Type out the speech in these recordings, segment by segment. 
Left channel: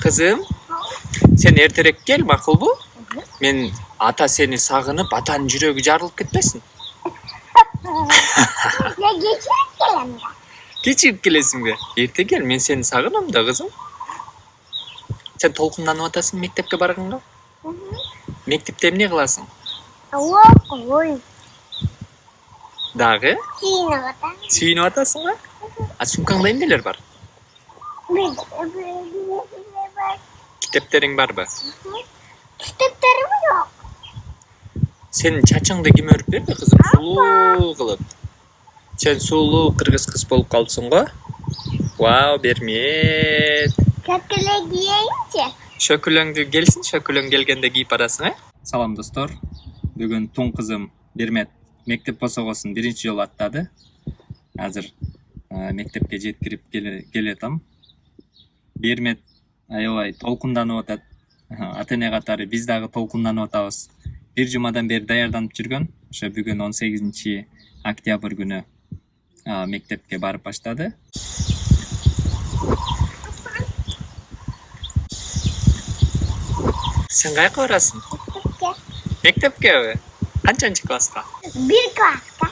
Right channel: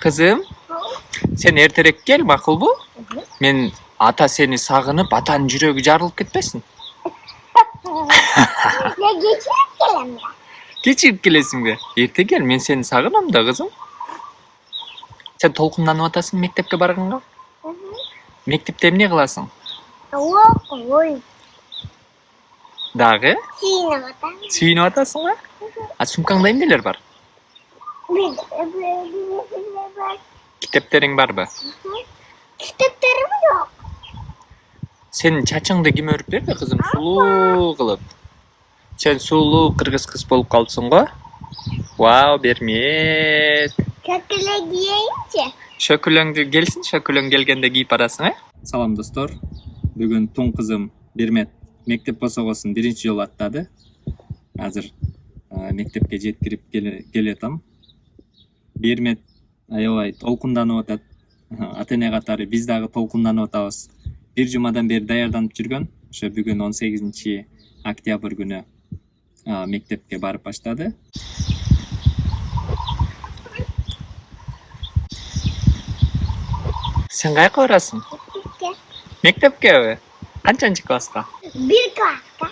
Kızım, sen erterek gel makul bu. Men ata seni sağınıp atanın жүрегі жарылып кетпесін. Ne geçirip gelem ya? Geçirip gelesin be. Erте gel, men seni sağınam da kızım. Sen толқынданып атасың мектепке барғанға? Мектепте эмне кыласың? Оқуйм. Дагы? Сүйініп атам. Сүйүнүп атасың ба? А сумкаңда эмнелер бар? Bir var. Китептериң барбы? Kitaplarım yok. Senin çaçыңды ким өрүп берди кызым? Сулуу кылып. Sen сулуу кыргыз кыз болуп калыпсың го? Вау, бермет. Kötüle diyeyince. Шөкүлөңдү келсин, шөкүлөң келгенде кийип барасың, э? Салам достор. Бүгүн тун кызым Бермет мектеп босогосун биринчи жолу аттады. Азыр мектепке жеткирип келетам. Бермет аябай толкунданып атат. Ата эне катары биз дагы толкунданып атабыз. Бир жумадан бери даярданып жүргөн. Ошо бүгүн 18 октябрь күнү мектепке барып баштады. Sen kayaka barasın? Mekteптеби? Канчанчы класска? Bir klaska.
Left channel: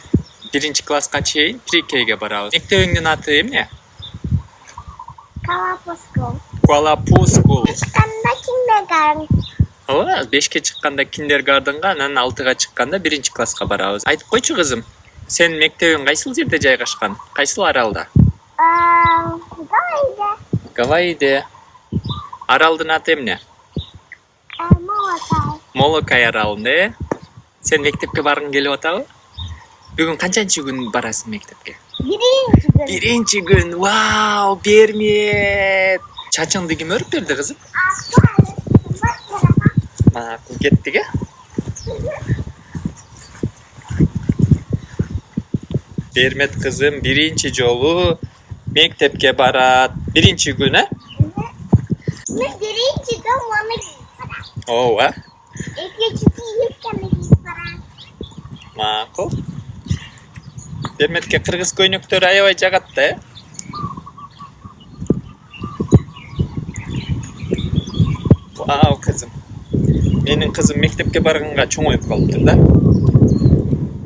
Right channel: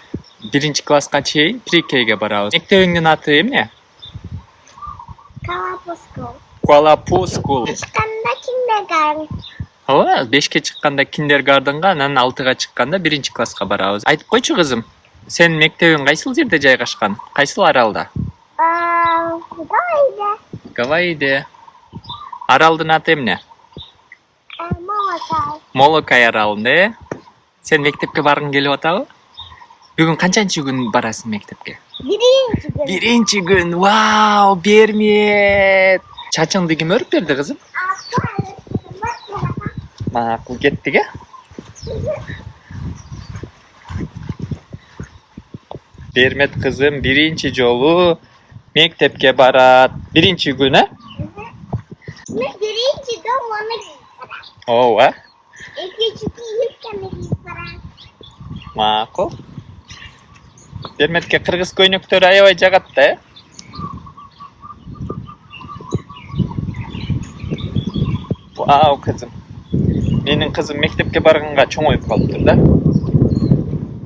Биринчи класска чейин pre-K'ге барабыз. Мектебиңдин аты эмне? Kalapaskol. Kuala-Lumpur School. Çıkanda kindergarten. Ооба, 5ке чыкканда киндергарденга, анан 6га чыкканда биринчи класска барабыз. Айтып койчу кызым, сен мектебиң кайсыл жерде жайгашкан? Кайсыл аралда? Gayda. Гавайиде. Аралдын аты эмне? Molotov. Молокай аралында, э? Сен мектепке баргың келип атабы? Бүгүн канчанчы күн барасың мектепке? Birinci gün. Биринчи күн. Вау, Бермет. Чачыңды ким өрүп берди кызым? Макул, кеттик, э? Бермет кызым биринчи жолу мектепке барат. Биринчи күн, э? Birinci gün onu giyip para. Ооба. İkinci yıkanı giyip para. Макул. Берметке кыргыз көйнөктөрү аябай жагат да, э? Вау, кызым. Менин кызым мектепке барганга чоңоюп калыптыр да.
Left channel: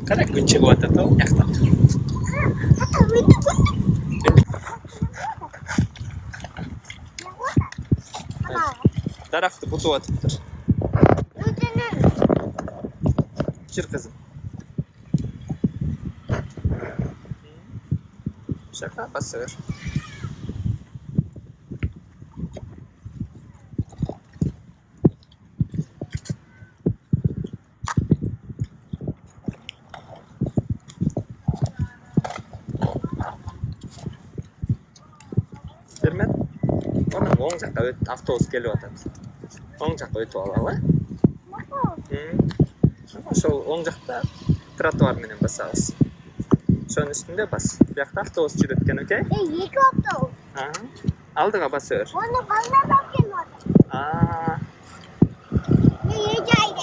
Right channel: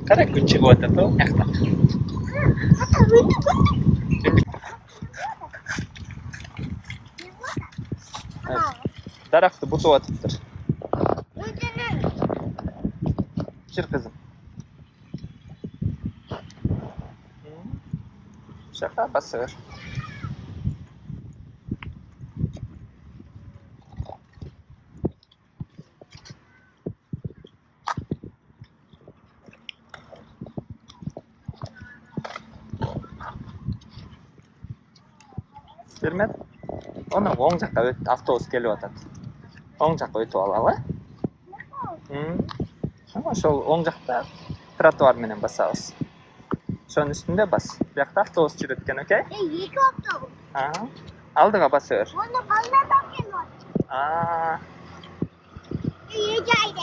Кара күн чыгып атат о, жактан. Даракты бутуп атыптыр. Жыр кызым. Şaka basıyor. Бермет. Оны оң жаққа өт, автобус келіп атат. Оң жаққа өтіп алалы. Ошол оң жақта тротуар менен басабыз. Ошонун үстүндө бас. Биякта автобус жүрөт экен, окей? İki otobüs. Алдыга басıyor. Onu ballar bakıyor. Yiyeceğiz.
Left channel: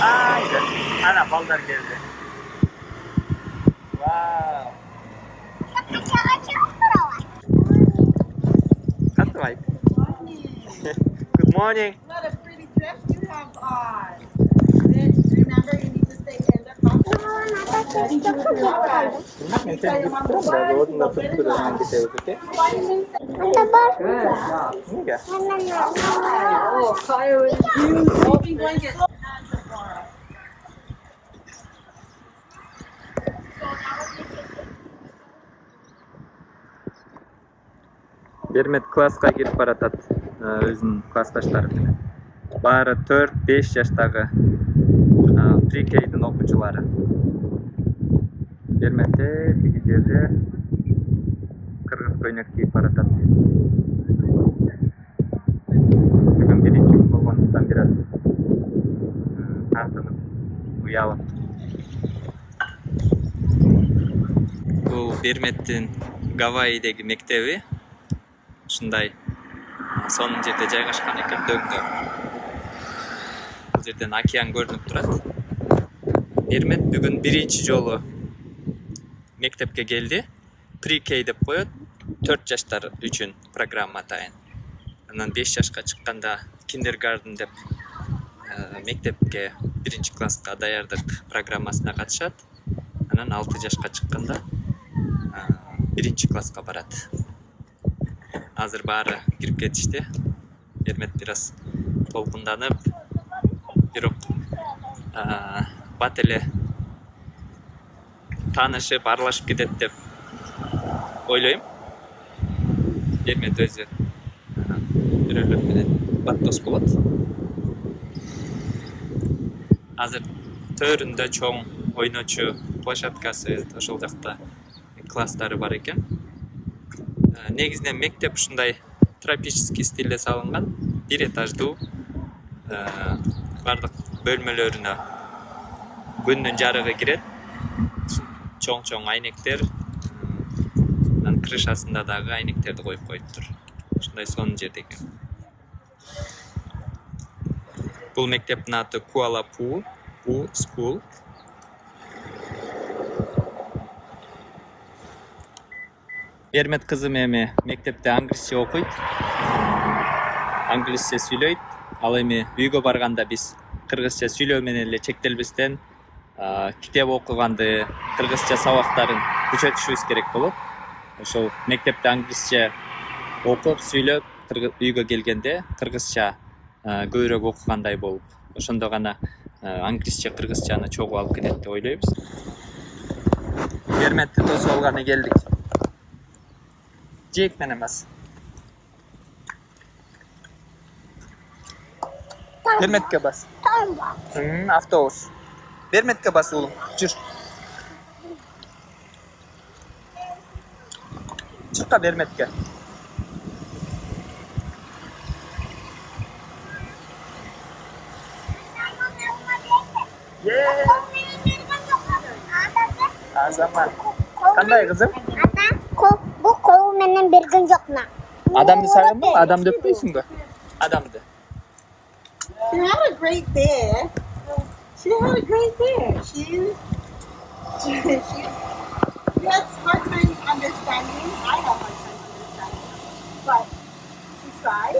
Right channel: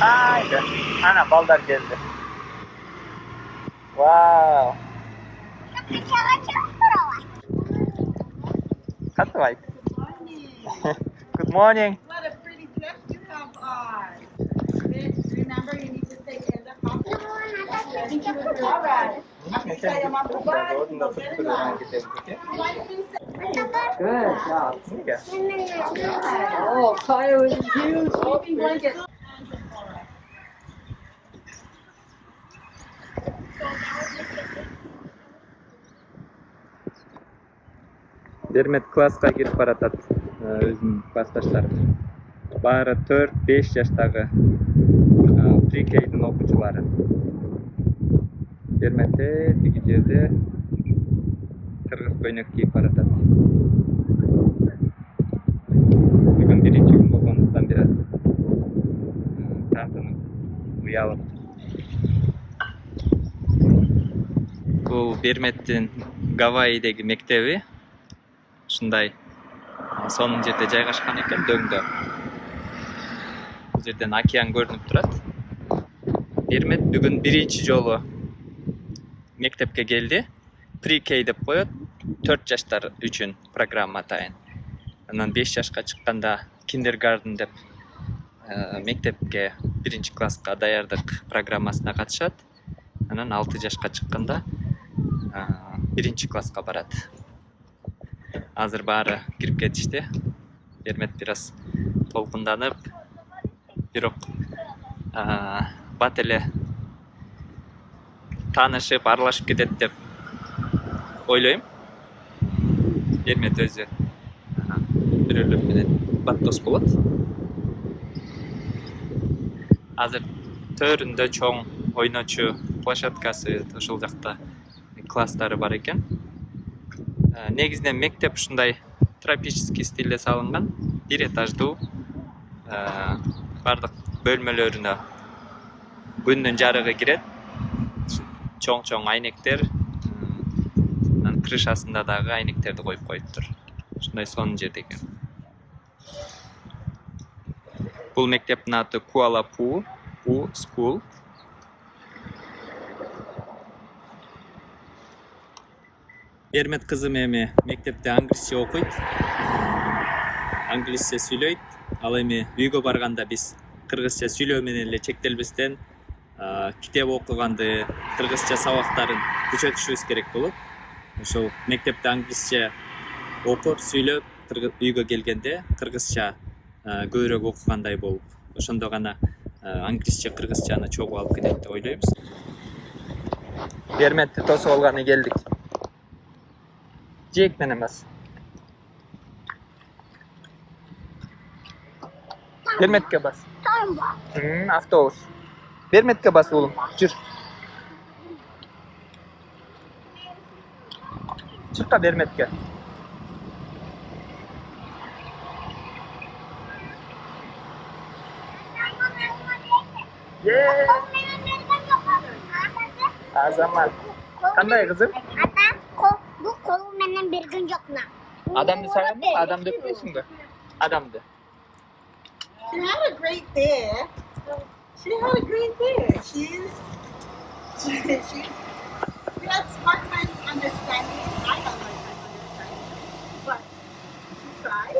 Haydi. Ana balдар geldi. Wow. Katı var. Good morning. What a pretty dress you have on. Remember, you need to stay in the conference. Orada tutturuyor hangi devleti? Niye? Oh, fire with you. Open blanket. Бермет класска кирип баратат өзүнүн классташтары менен. Баары 4-5 жаштагы pre-K'дин окуучулары. Берметте тиги жерде кыргыз көйнөк кийип баратат. Бүгүн биринчи күн болгондуктан бир аз тартынып, уялып. Бул Берметтин Гавайидеги мектеби. Ушундай сонун жерде жайгашкан экен, дөңдө. Бул жерден океан көрүнүп турат. Бермет бүгүн биринчи жолу мектепке келди. Pre-K деп коет. 4 жаштар үчүн программа атайын. Анан 5 жашка чыкканда киндергарден деп мектепке 1-класска даярдык программасына катышат. Анан 6 жашка чыкканда 1-класска барат. Азыр баары кирип кетишти. Бермет бир аз толкунданып, бирок бат эле таанышып, аралашып кетет деп ойлойм. Бермет өзү бирөөлөр менен бат дос болот. Азыр төрүндө чоң ойночу площадкасы, ошол жакта класстары бар экен. Негизинен мектеп ушундай тропический стилде салынган, 1 этаждуу, бардык бөлмөлөрүнө күндүн жарыгы кирет. Чоң айнектер, анан крышасында дагы айнектерди коюп коюптур. Ушундай сонун жерде экен. Бул мектептин аты Kuala Phu School. Бермет кызым эми мектепте англисче окуйт. Англисче сүйлөйт. Ал эми үйгө барганда биз кыргызча сүйлөө менен эле чектелбестен китеп окуганды, кыргызча сабактарын күчөтүшүбүз керек болот. Ошол мектепте англисче окуп, сүйлөп, үйгө келгенде кыргызча көбүрөөк окугандай болуп, ошондо гана англисче, кыргызчаны чогуу алып кетет деп ойлойбуз. Берметти тосуп алганы келдик. Жээк менен бас. Берметке бас. Автобус. Берметке бас улум. Жүр. Чыкка Берметке. Азамат. Кандай кызым? Bu kolu benim bir gün yok mu? Адамды сагындың? Адамды өппөйсүңбү? Адамды. She had a great day. She had a great day. She had hard time understanding. I had hard time understanding. But she tried.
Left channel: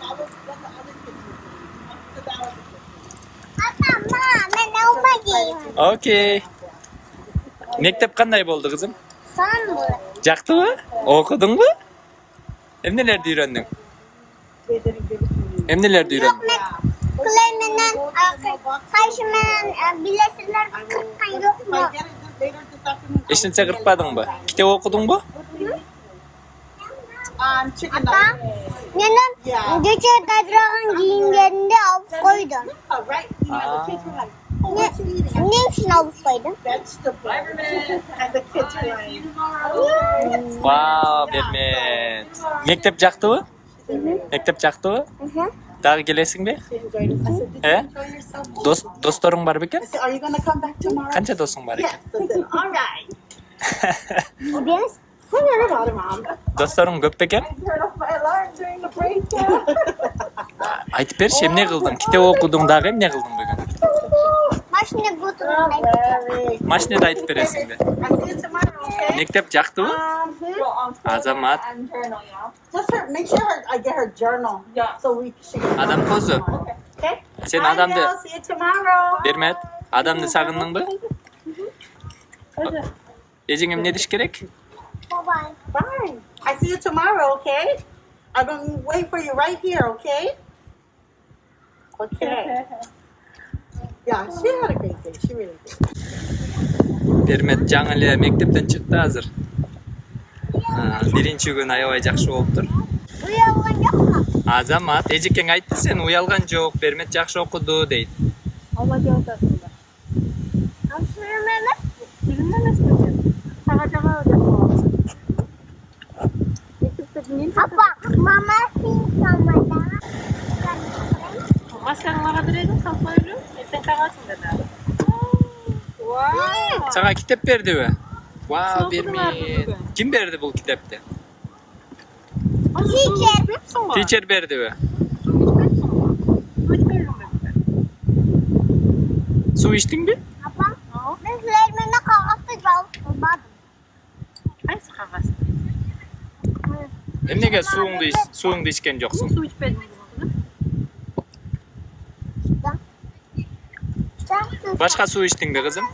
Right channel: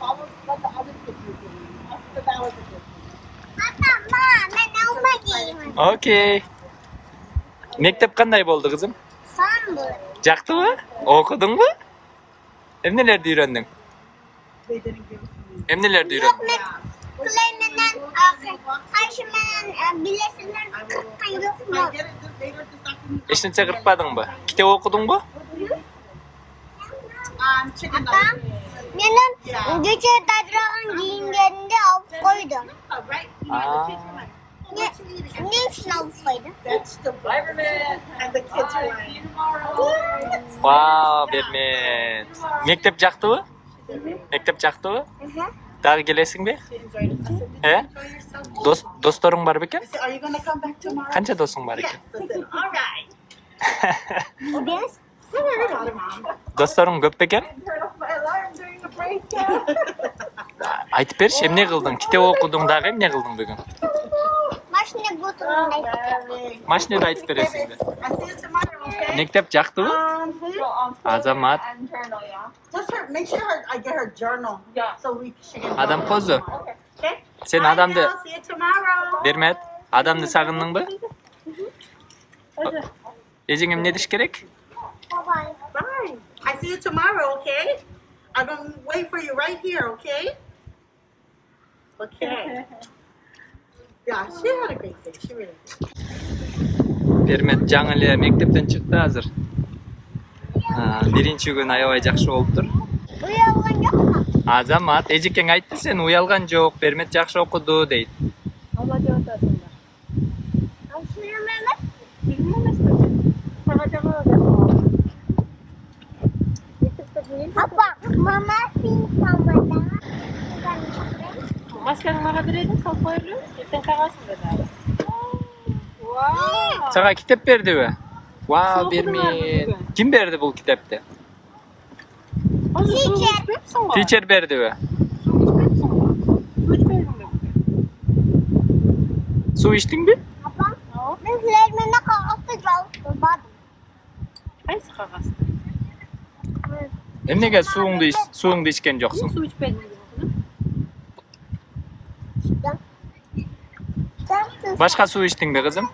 That was what the other kids were doing. So that was a good thing. Mama, Окей. Мектеп кандай болду кызым? Son bu. Жактыбы? Окудуңбу? Эмнелерди үйрөндүң? They didn't give it to you. Эмнелерди үйрөндүң? Kuleymen'den, karşımdan bilesinler kırkan yok If mu? I get it later this afternoon. Эч нерсе кыркпадыңбы? Китеп окудуңбу? Chicken Ata, benim gece dadırağın giyimlerinde alıp koydum. Oh, right? You know, the kids were like, oh, what you eating? Ne için alıp koydum? Vegetables. And the kids were like, Вау, Бермет. Мектеп жактыбы? Мектеп жактыбы? Дагы келесиңби? she enjoyed it. I said, did you Э? enjoy yourself? Досторуң бар бекен? I said, are you going to come back tomorrow? Канча досуң бар Yes. экен? I said, all right. Biz Don't worry about it, Mom. Досторуң көп бекен? Turn off my alarm during the break. Айтып берчи, эмне кылдың? Китеп окудуң дагы эмне кылдың бүгүн? maşine götürün ben. Машинеде айтып бересиңби? I see you tomorrow, okay? Мектеп жактыбы? Азамат. Just her, make sure I get her journal. Yeah. So she can. Адам козу. Okay. Сен Bye, адамды, girl. See you tomorrow. Бермет, адамды сагындыңбы? Эжең эмне деш керек? Bye. Bye. I see you tomorrow, okay? I'm going to wait for you right here, okay? Okay. Yeah, she had a great day. She really did. Бермет жаңы эле мектептен чыкты азыр. Биринчи күн аябай жакшы болуптур. Uyangan yok mu? Азамат, эжекең айтты, сен уялган жок, Бермет жакшы окуду дейт. Ama diyor da sonra. Sürmeme. Bilmem mi? Sana cevap vermem. Apa, mama sing sama da. Maskeni nakadır edin, sal koyulur. Sen kavasın dedi. Wow. Сага китеп бердиби? Вау, Соқыдың Бермет. артында. Ким берди бул китепти? Teacher. Teacher бердиби? Суу içtiңби? Apam, bizlerime kağıtı kalmadım. қағасың. Эмнеге суыңду ичкен жоксуң? Су içmedin mi kızım? Башка суу ичтиңби кызым?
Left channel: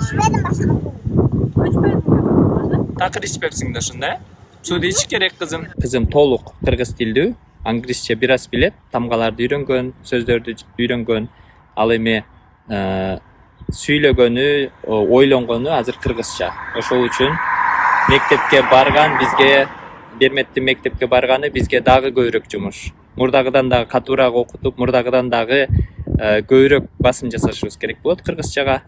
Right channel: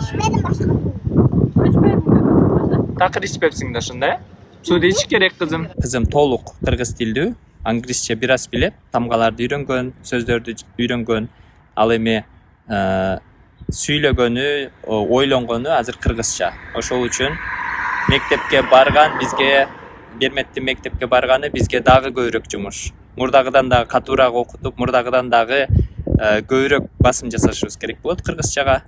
İçmedim başka su. Su içmedin mi kızım? Такыр ичпепсиң да ушунда, э? Сууду ичиш керек кызым. Кызым толук кыргыз тилдүү, англисче бир аз билет, тамгаларды үйрөнгөн, сөздөрдү үйрөнгөн, ал эми сүйлөгөнү, ойлонгону азыр кыргызча. Ошол үчүн мектепке барган бизге Берметтин мектепке барганы бизге дагы көбүрөөк жумуш. Мурдагыдан дагы катуураак окутуп, мурдагыдан дагы көбүрөөк басым жасашыбыз керек болот кыргызчага.